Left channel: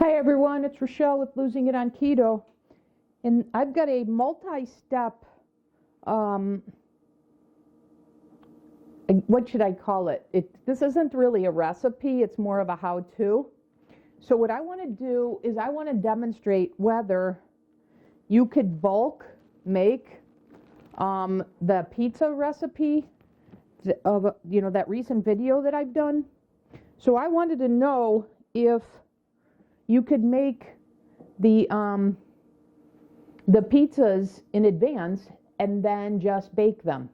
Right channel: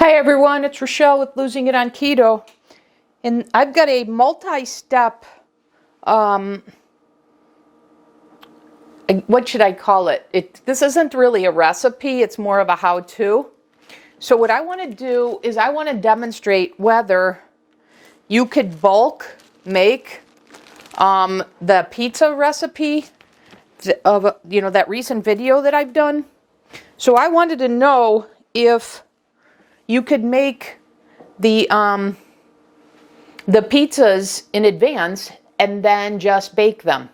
Hi everyone, it's Rochelle with Losing It on Keto, and I've got a multi-step, what should I call it? This isn't really a recipe, it's more of a how-to. So what I want to do is I want to demonstrate whether you could bulk make the pizza recipe of that recent video that I've done. So I wanted to know if you could make the pizzas in advance and then just bake them.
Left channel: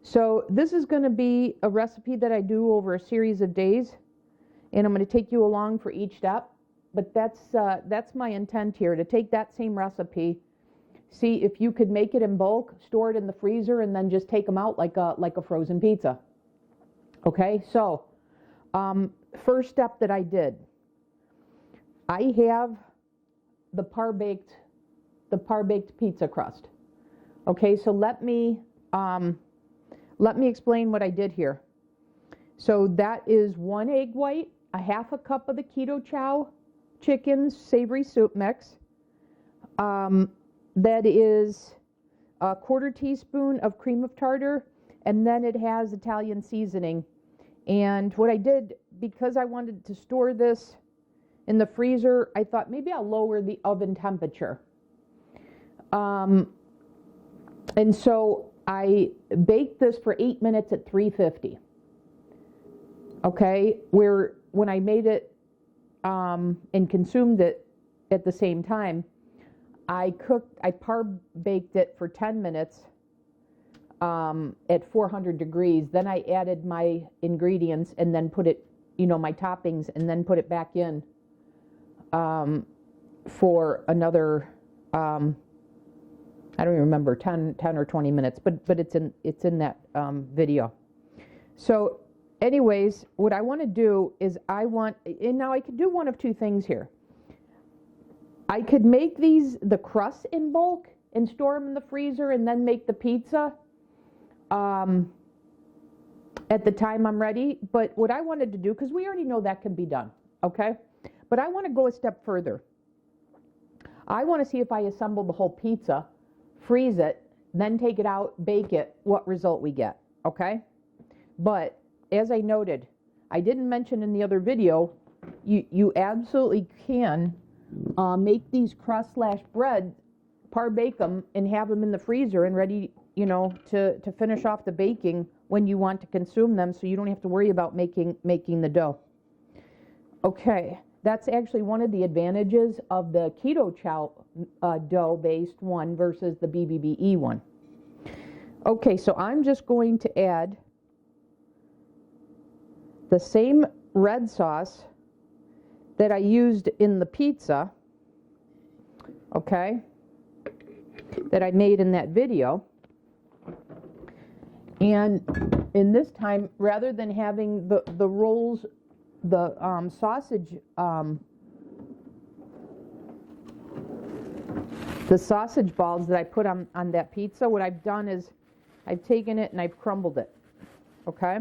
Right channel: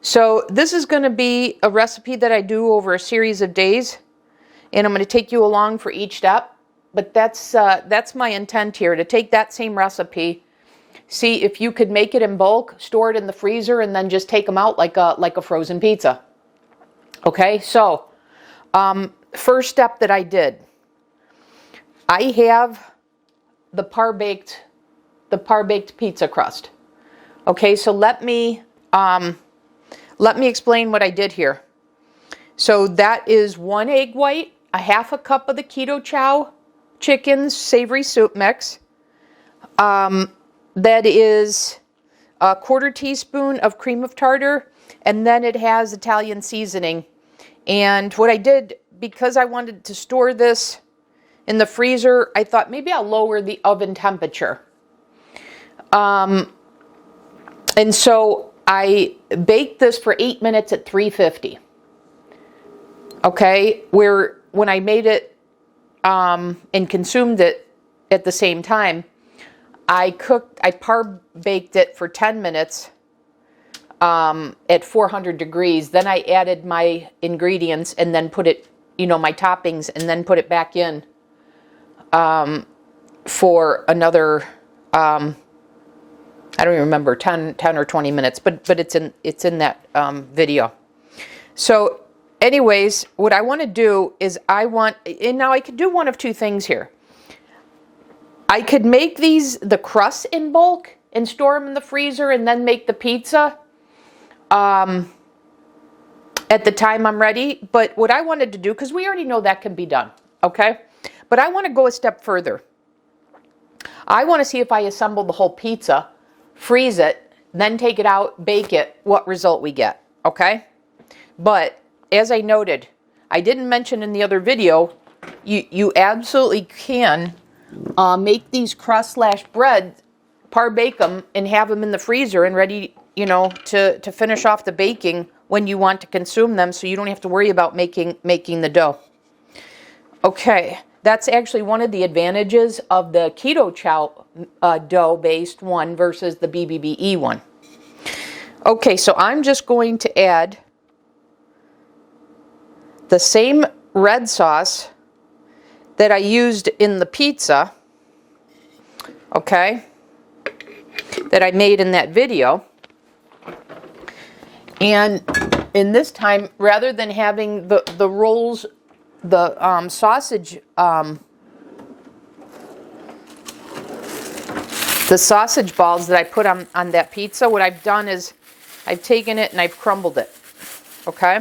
So this is going to be a recipe that I do over a series of days, and I'm going to take you along for each step. But that's my intent here, to take that same recipe, see if you could make it in bulk, store it in the freezer, and then just take them out like a frozen pizza. Okay, so first step that I did. I have the par-baked pizza crust. Okay, so let me explain what I did here. So that is 1 egg white, a half a cup of the Keto Chow chicken's savory soup mix. That is a 1/4 teaspoon of cream of tartar, and then it has Italian seasoning. And what I did, because I wanted to store this in the freezer, I thought maybe I'll lower the oven temperature. And so I baked this for 8 minutes at 350. Okay, when I made it and consumed it at the same time, I par-baked it for 10 minutes at 400 degrees. Then I added my ingredients and then put it, my toppings, and then put it back in for another, I don't even remember, 10 or 20 minutes, but it's in that video. So anyways, what I want to do is and now I could do one of two things here. I could make the crusts in bulk and store them in the freezer and then make the pizza at the time I'm ready. But what I wanted to do, because we already know that can be done, okay? But I want to go a step further. I want to see if I assemble the whole pizza, freeze it, then take it out, bake it, what result we get, okay? But as I noted, I didn't mention in the other video, you absolutely can make these crust/bread, par-bake them, and have them in the freezer and ready, to finish off the baking when you want to consume them, so you don't have to worry about making the dough. Okay. That's actually one of the advantages of the Keto Chow dough-based one versus the BBBE one. Okay, so I'm just going to add the same red sauce that I used in the pizza, okay, that I made in that video. And in this time, rather than having the rolls, the sausage balls that I put on that pizza, what I've done is I've taken it and I've crumbled it. Okay?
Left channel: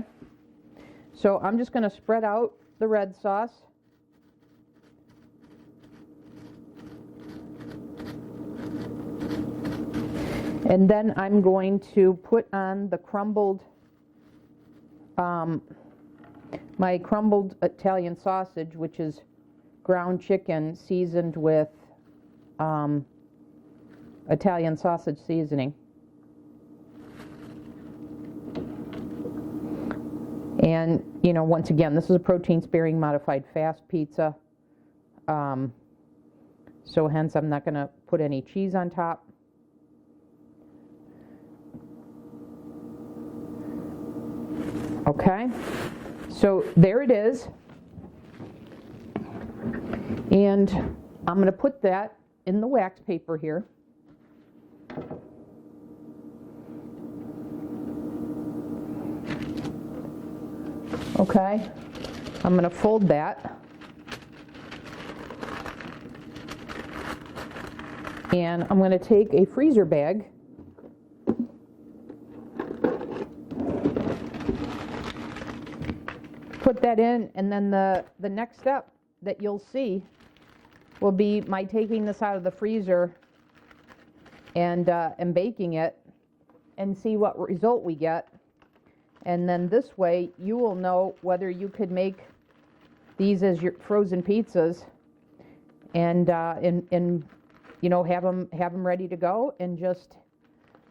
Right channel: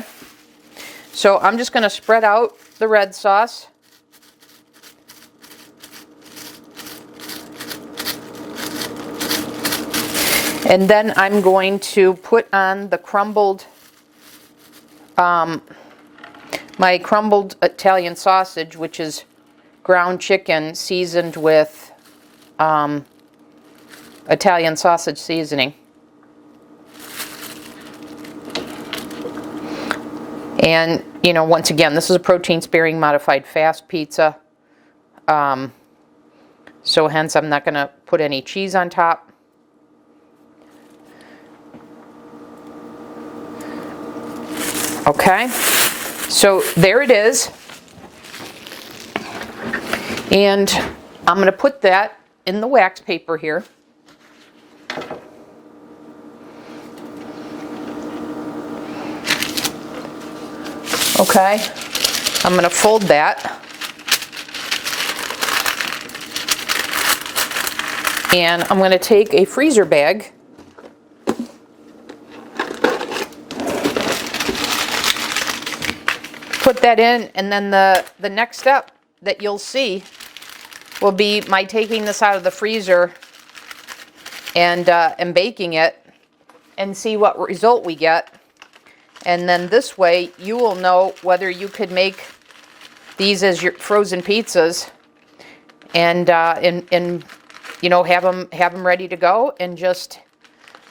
So I'm just going to spread out the red sauce. And then I'm going to put on the crumbled my crumbled Italian sausage, which is ground chicken seasoned with Italian sausage seasoning. And, once again, this is a protein-sparing modified fast pizza. So hence I'm not going to put any cheese on top. Okay. So there it is, and I'm going to put that in the wax paper here. Okay, I'm going to fold that, and I'm going to take a freezer bag put that in, and then the next step that you'll see will be my taking this out of the freezer and baking it and see what result we get. And then this way you will know whether you could make these as your frozen pizzas and you know, have them ready to go, and just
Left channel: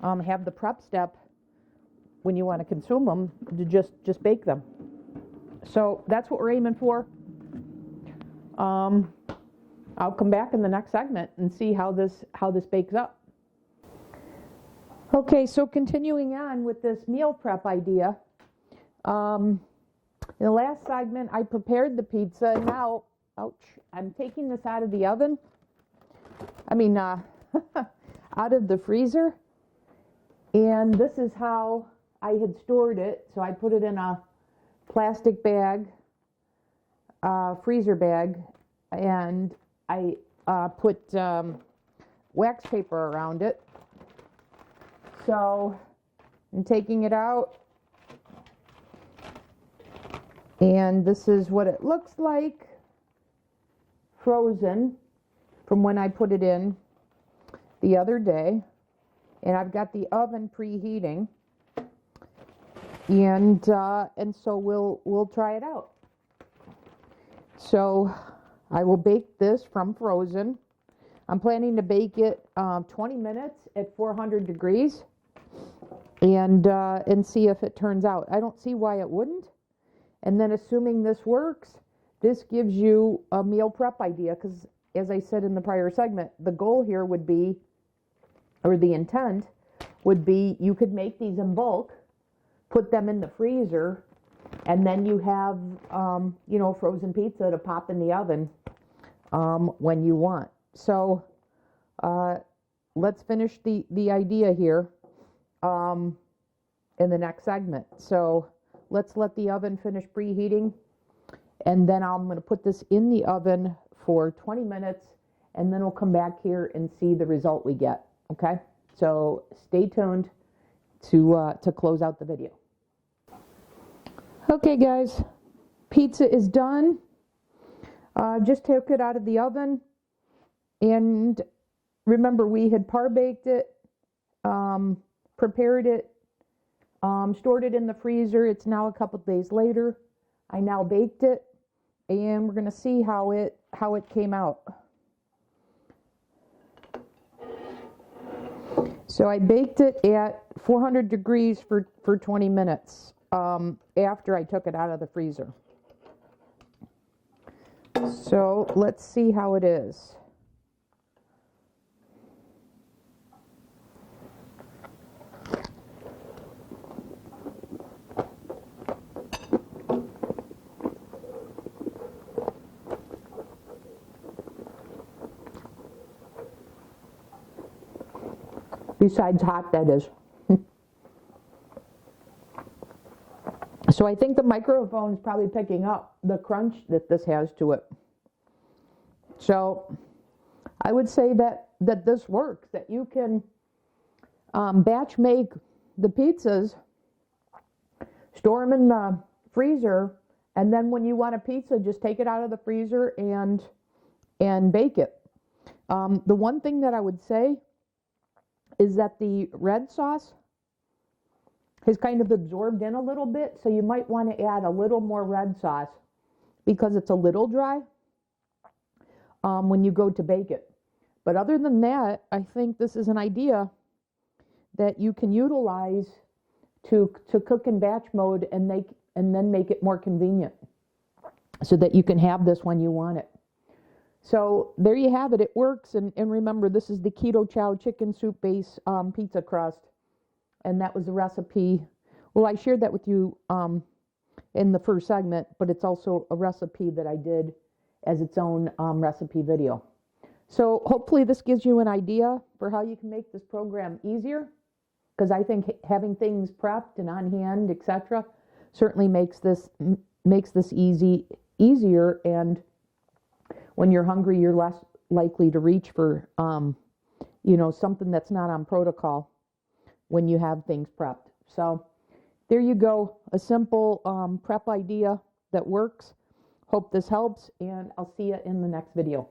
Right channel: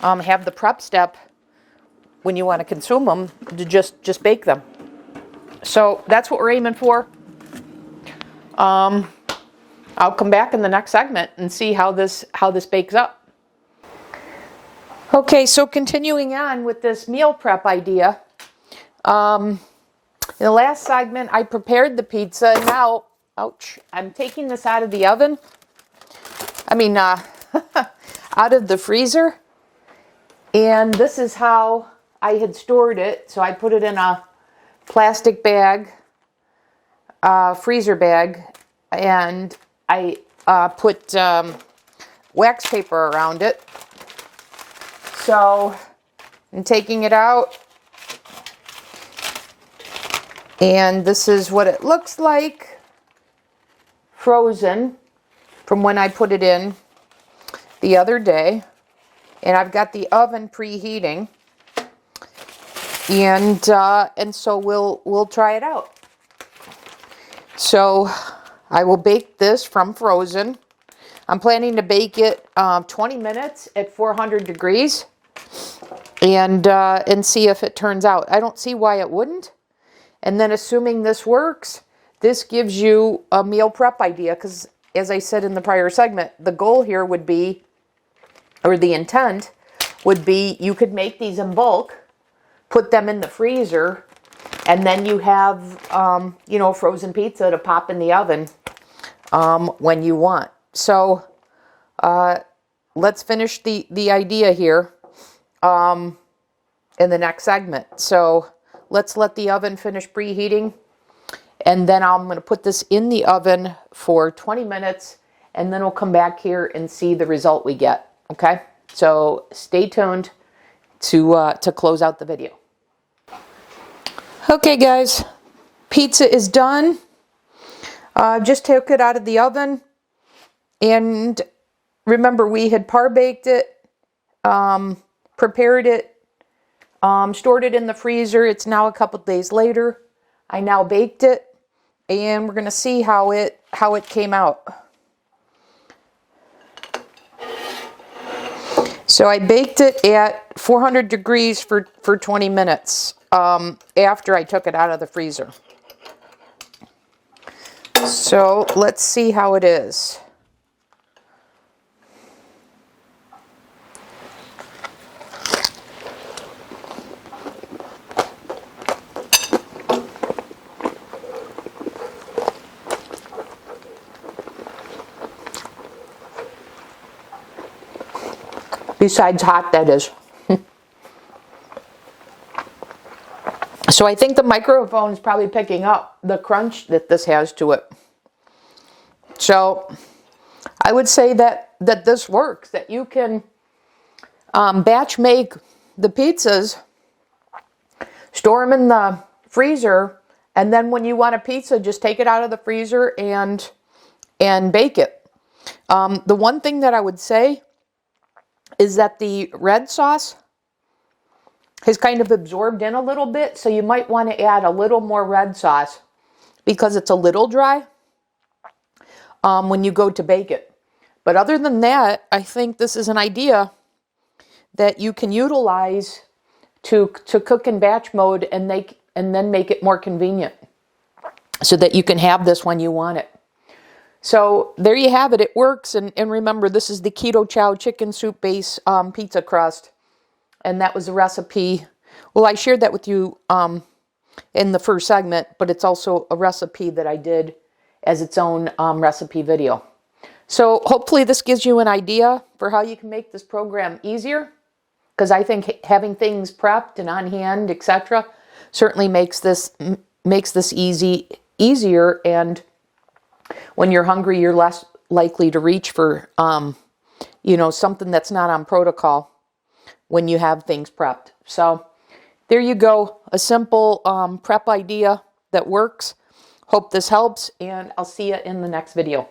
have the prep step when you want to consume them to just bake them. So that's what we're aiming for. I'll come back in the next segment and see how this bakes up. Okay, so continuing on with this meal prep idea. In the last segment, I prepared the pizza, and now, ouch, I'm taking this out of the oven. I mean, out of the freezer. And this is how I had stored it. So I put it in a plastic bag, freezer bag, and I put wax paper around it. So I'm taking it out. And this is what it looks like frozen from when I put it in the other day. And I've got the oven preheating. And so we'll try it out. So I will bake this from frozen. I'm planning to bake it 20 minutes at 400 degrees and see if it turns out. I don't see why it wouldn't. And then assuming this works, this gives you a meal prep idea, because as I said in the prior segment, the goal here would be, or the intent would be, you could make these in bulk, put them in the freezer, and then you have, you know, frozen pizza to pop in the oven when you want. So let's finish the idea here in the next segment. So let's let the oven finish preheating, and then I'm going to put this in the oven for 20 minutes, and then we'll come back here and see the result we get. Okay? So stay tuned to close out the video. Okay, guys, pizza is done. Just took it out of the oven, and remember, we had par baked it, prepared it, stored it in the freezer. It's now a couple days later. I now baked it, and we're going to see how it came out. So I baked it at 400 degrees for 20 minutes after I took it out of the freezer. So let's see how it is. Besides hot, that is. So I think the microphone is probably picking up the crunch that this has to it. So I would say that this works, that you can batch make the pizzas, store them in the freezer, and then when you want a pizza, just take it out of the freezer and bake it. The one thing that I would say is that the red sauce has kind of absorbed in a little bit, so you might want to add a little more red sauce because it's a little dry when you go to bake it. But other than that, I think this is an idea that you can utilize to cook in batch mode and then make it more convenient so that you can have this when you want it. So there you have it. It works. And remember, this is the Keto Chow chicken soup base pizza crust. And that was a recipe. Well, I shared that with you in the first segment, but it's also a recipe that I did as its own recipe video. So hopefully this gives you an idea for how you can make this program easier, because I think having things prepped and on hand, etc., certainly makes this easier. And when you're hungry, you're less likely to reach for something that's not on protocol when you have things prepped. So there you go, a simple prep idea that works. Hope this helps, and I'll see you in the next video.